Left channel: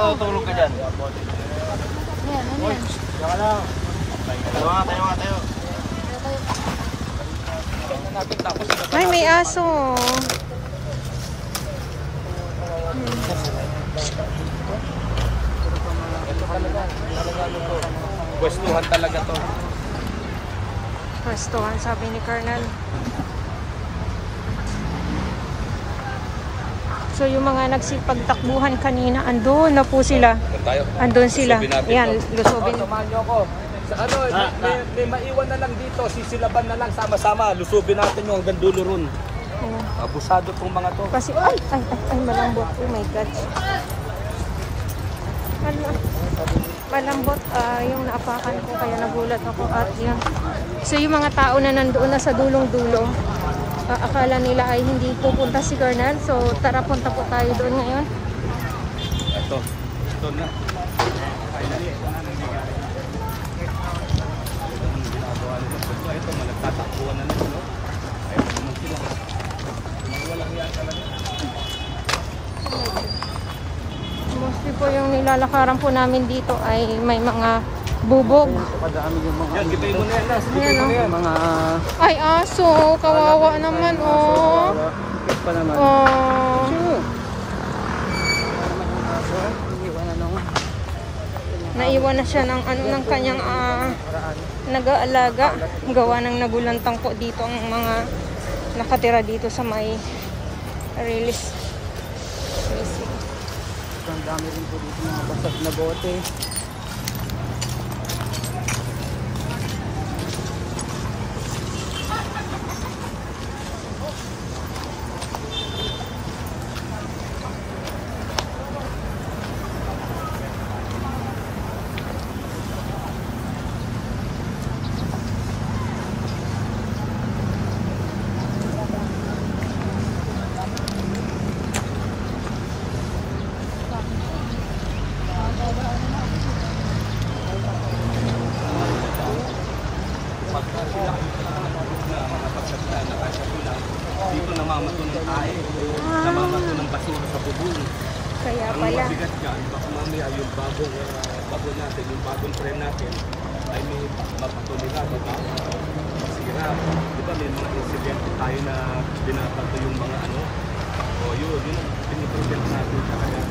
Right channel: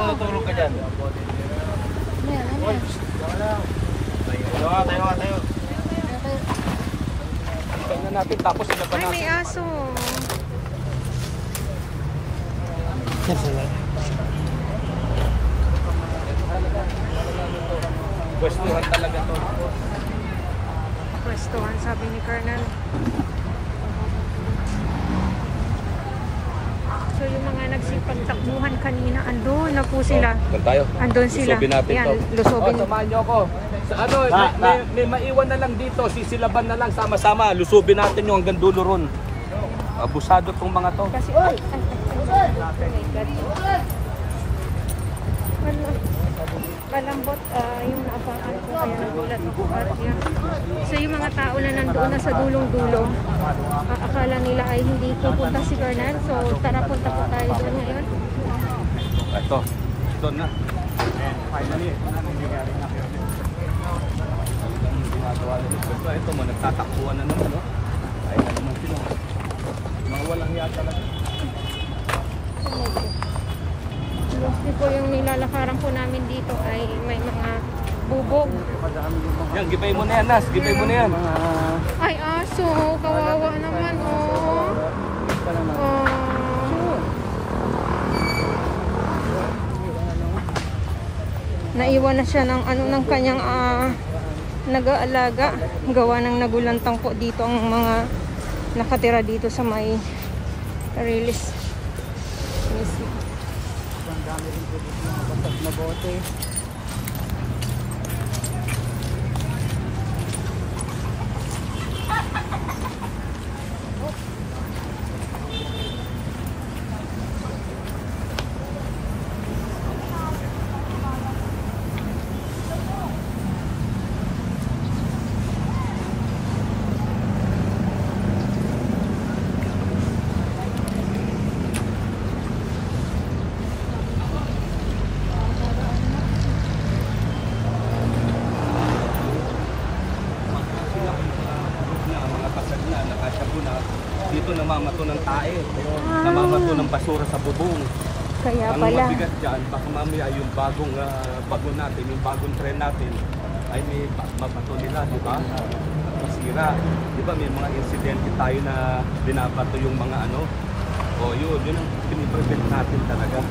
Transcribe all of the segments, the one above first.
matutulog ka dyan. Yan. Tayo. Ay, may aso. Pwestuhan talaga to. Pwestuhan, sabi ni Colonel. So yung mga nagsipagtakbuhan kanina, andun na po sila. Andun sila. Ayan, lusubin. May maiwan na lang dito, sisilaban na lang sama-sama. Lusubin natin yung hanggang dulo ron. Abusado tong mga to. Kasi, ay, malambot. Oh my God. Malambot yung naapakan ko, kaya nagulat ako. At yan. So yung mga tao na nandoon na sa dulong-dulo, akala nila ay hindi pupunta si Colonel. So tara, punta po tayo doon ngayon. Ito na. Finally, ito na nangyayari na. Ang ginagawa nila. Ito, nagtatakbuhan na naman, no? Ayaw na naman sila. Mga walang hiya talaga. Mostly po yung nilalakaran po namin dito ay may mga bubog. Yan, gibay mo na yan, Nas. Gibay mo na yan. Ay, aso. Kawawa naman, oh. Oh. Naiwan na siya ng kanyang nag-aalaga. Gawa ng nagulantang po dito ang mga nakatira dito sa may release mismo. Ang dami rin po dito mga basag na bote. Dito namamato ng tae, namamato ng basura sa bubong. Kaya ang pala. mabigat dyan, baka mamaya yung bagong bago natin, yung bagong tren natin, ay may mapato nila, di ba? At masira. Di ba may mga insidente tayo na binapato yung mga ano? O yun ang piniprevent natin talaga.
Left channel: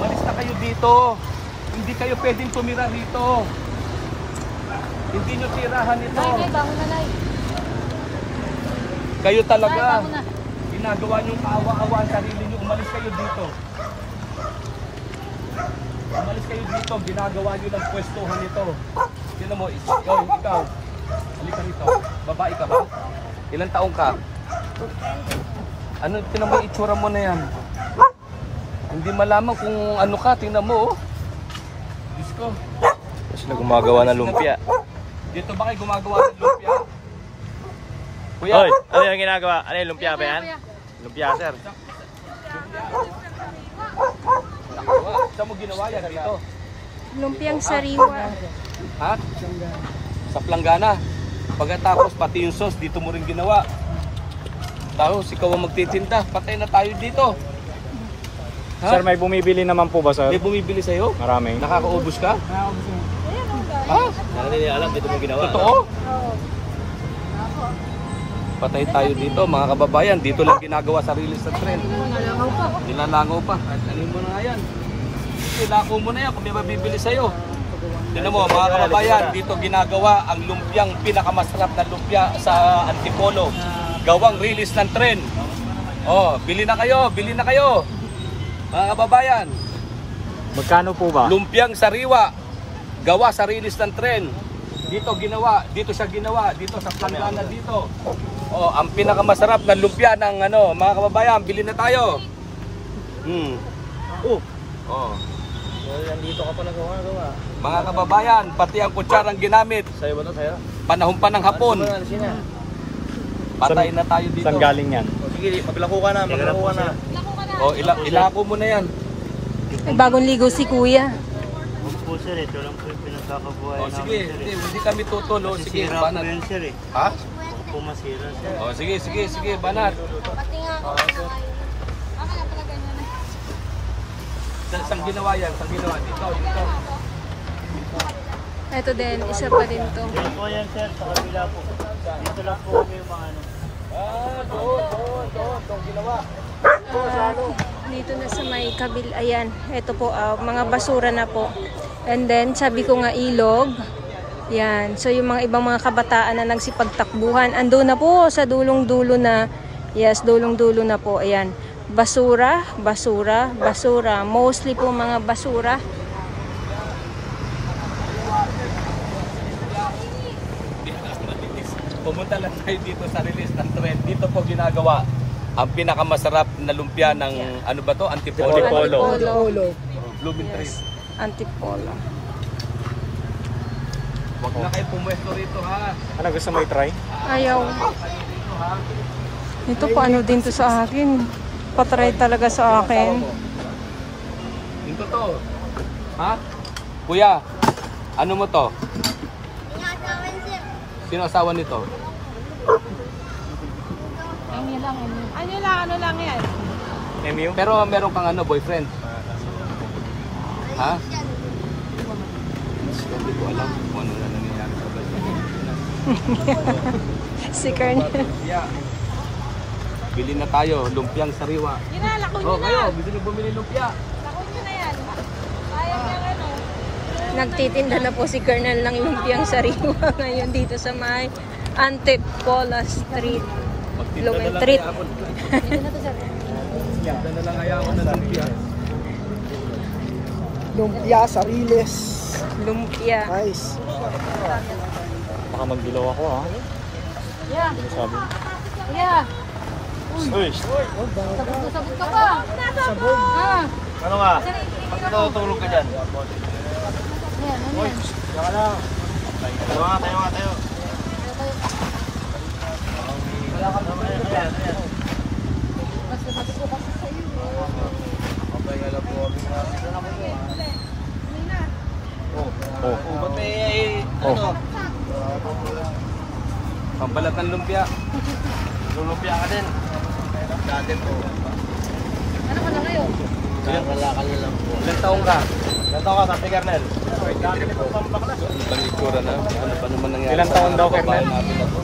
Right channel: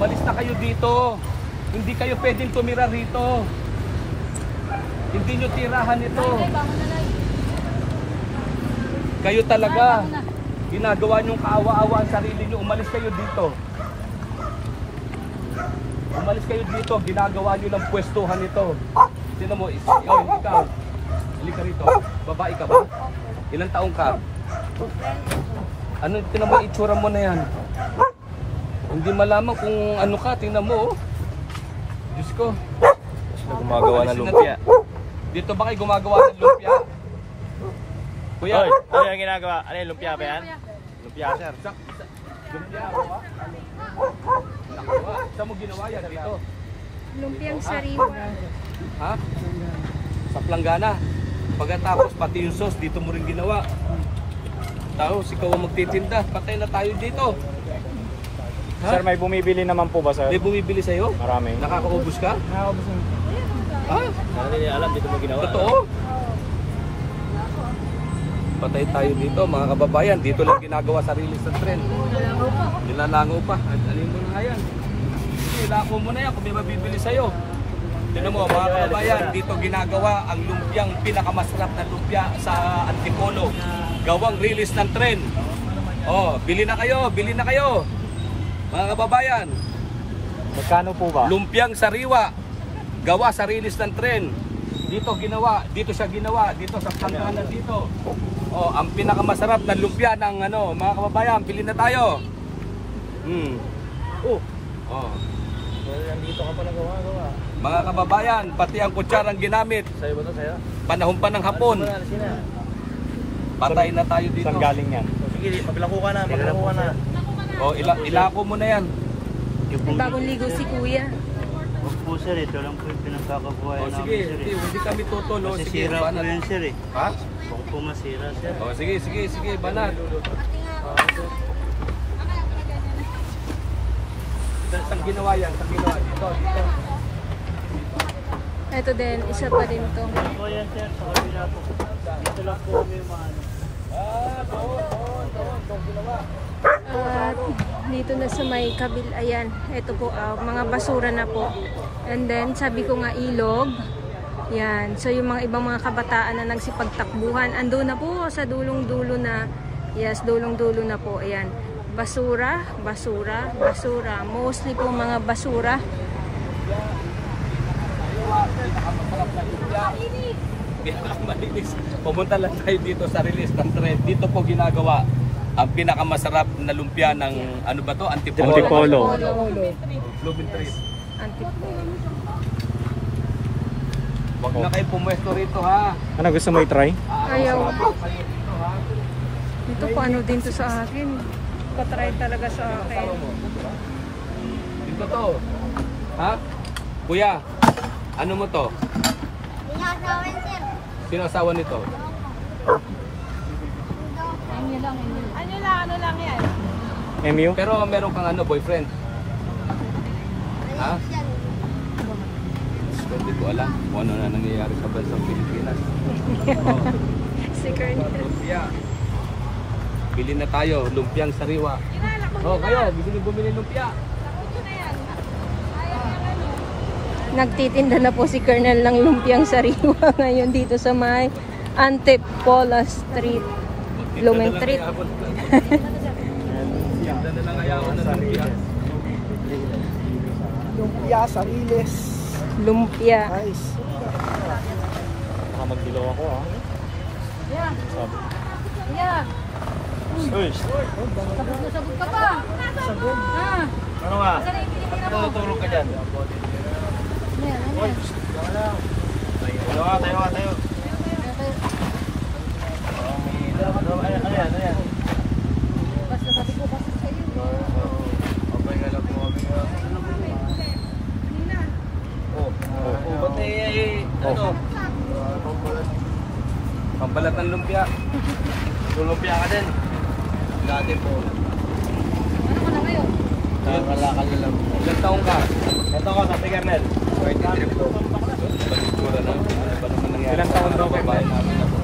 Umalis na kayo dito. Hindi kayo pwedeng tumira rito. Hindi nyo tirahan ito. Kayo talaga. Ginagawa nyong kaawa-awa ang sarili nyo. Umalis kayo dito. Umalis kayo dito. Ginagawa nyo ng pwestuhan ito. Sino mo? Ikaw. Halika rito. Babae ka ba? Ilang taong ka? Ano, tinan mo yung itsura mo na yan. Hindi malaman kung ano ka, tingnan mo, oh. Diyos ko. Sila gumagawa ng lumpia. Dito ba kayo gumagawa ng lumpia? Kuya. Hoy, ano yung ginagawa? Ano yung lumpia ba yan? Lumpia, sir. Lumpia, ba? Saan mo ginawa yan dito? Lumpiang sariwa. Ha? Sa planggana. Pagkatapos pati yung sauce, dito mo rin ginawa. Tapos ikaw ang magtitinda. Patay na tayo dito. Ha? Sir, may bumibili naman po ba, sir? May bumibili sa'yo? Marami. Nakakaubos ka? Nakakaubos naman. Ha? Hindi alam, dito mo ginawa. Totoo? Patay tayo dito, mga kababayan. Dito lang ginagawa sa release ng tren. Nilalangaw pa. Ano mo na nga yan? Ilako mo na yan kung may mabibili sa'yo. Tignan mo, mga kababayan, dito ginagawa ang lumpiang pinakamasarap na lumpia sa Antipolo. Gawang release ng tren. Oh, bili na kayo, bili na kayo. Mga kababayan. Magkano po ba? Lumpiang sariwa. Gawa sa release ng tren. Dito ginawa, dito siya ginawa, dito sa planggana dito. Oh, ang pinakamasarap na lumpia ng ano, mga kababayan, bili na tayo. Oh. Dito ka pa nagawa. Mga kababayan, pati ang kutsarang ginamit. Sa'yo ba ito, sa'yo? Panahon pa ng hapon. Patay na tayo dito. Saan galing yan? Sige, maglako ka na, maglako ka na. O, ilako mo na yan. Bagong ligo si kuya. Huwag po sir, ito lang po yung pinagkakabuhay O, sige, namin sir. hindi kami tutol. O, sige, Masisira po banat. yan sir eh. Ha? Huwag po masira sir. O, sige, banat. Saan ginawa yan? Saan ginawa? Dito. Ito din, isa pa din to. Ito po yan sir, sa kabila po. Dito lang po kami yung mga ano. At dito na sa may kabil, ayan, ito po, mga basura na po. And then, sabi ko nga ilog. Yan, so yung mga ibang mga kabataan na nagsipagtakbuhan, ando na po sa dulong-dulo na, yes, dulong-dulo na po, ayan. Basura. Mostly po mga basura. Pumunta lang tayo dito sa release ng trend. Dito po ginagawa ang pinakamasarap na lumpia ng ano ba to? Antipolo. Blooming trees. Antipolo. Huwag na kayo pumwesto rito ha. Ano gusto mo i-try? Ayaw. Ito pa ano din to sa akin. Patry talaga sa akin. Dito to. Ha? Kuya, ano mo to? Sino asawa nito? Ano lang yan? MU? Pero meron kang ano, boyfriend? Ha? Hindi ko alam kung ano na nangyayari sa bansa ng Pilipinas. Si Colonel. Yeah. Bili na tayo, lumpiang sariwa. Oh, kayo, gusto niyo bumili lumpia? Nagtitinda na po si Colonel ng lumpiang sariwa ngayon dito sa may Antipolo Street. Blooming Street. Magtinda na lang kaya ako ng lumpia. Lumpia, sariles. Lumpia. Nice. Baka magdilaw ako ha. Yeah. Sabi. Yeah. Uy! Sabog ka pa. Ah. Ano nga? Matutulog ka dyan. Ano yan? Tayo. Ayan. Okay, alam po kami nga. Ba't may ano? Pambalat ng lumpia. Lumpia ka din. Dati po. Ano ka na ngayon? Nakakalakal na lang po. Ilang taong ka? Ito ka, Sapi Kernel. 23 po. Panitura na. Ano naman nangyari? Ilang taon daw, Kabayan natin na to.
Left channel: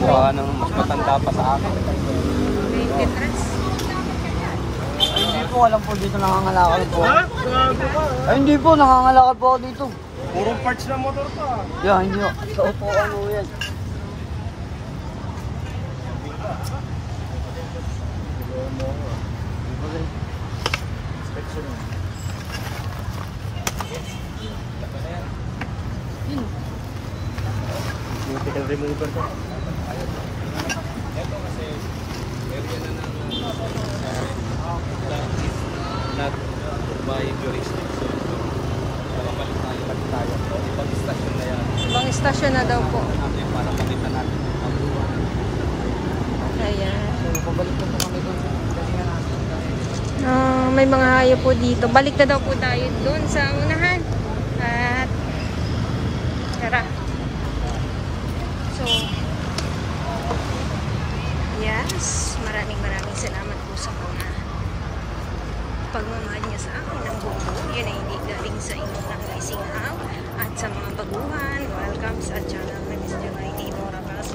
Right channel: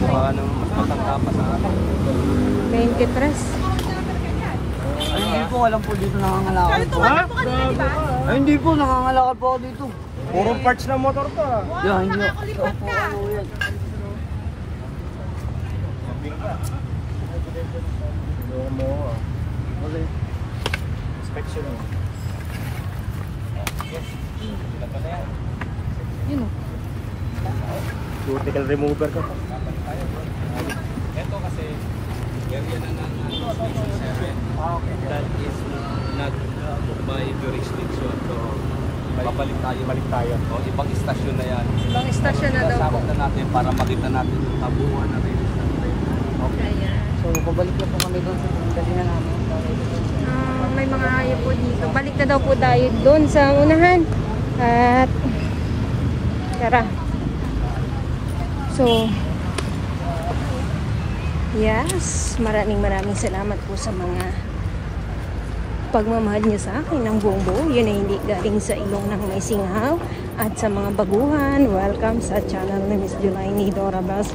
Baka nang mas matanda pa sa akin. 23. Ay, hindi po, alam po dito nangangalakal po. Ha? Gago ka. Ay, hindi po, nangangalakal po ako dito. Puro parts ng motor to ah. Yeah, hindi po. Sa upuan mo yan. Okay. Inspection mo. Cuticle remover ka pa. Ito kasi area na ng that is not by jurisdiction. So, babalik tayo. O, ibang istasyon na yan. Ibang istasyon na daw po. Kasama na natin para makita natin yung tabuhan natin. Ayan. So, pabalik po kami dito. Kasi nga namin. May mga hayop po dito. Balik na daw po tayo doon sa unahan. At tara. So, yes, maraming salamat po sa mga pagmamahal niyo sa akin ng buong buo. Yan ay hindi galing sa ilong ng Singaw. At sa mga baguhan, welcome sa channel ng Miss Junaini Dora Bas.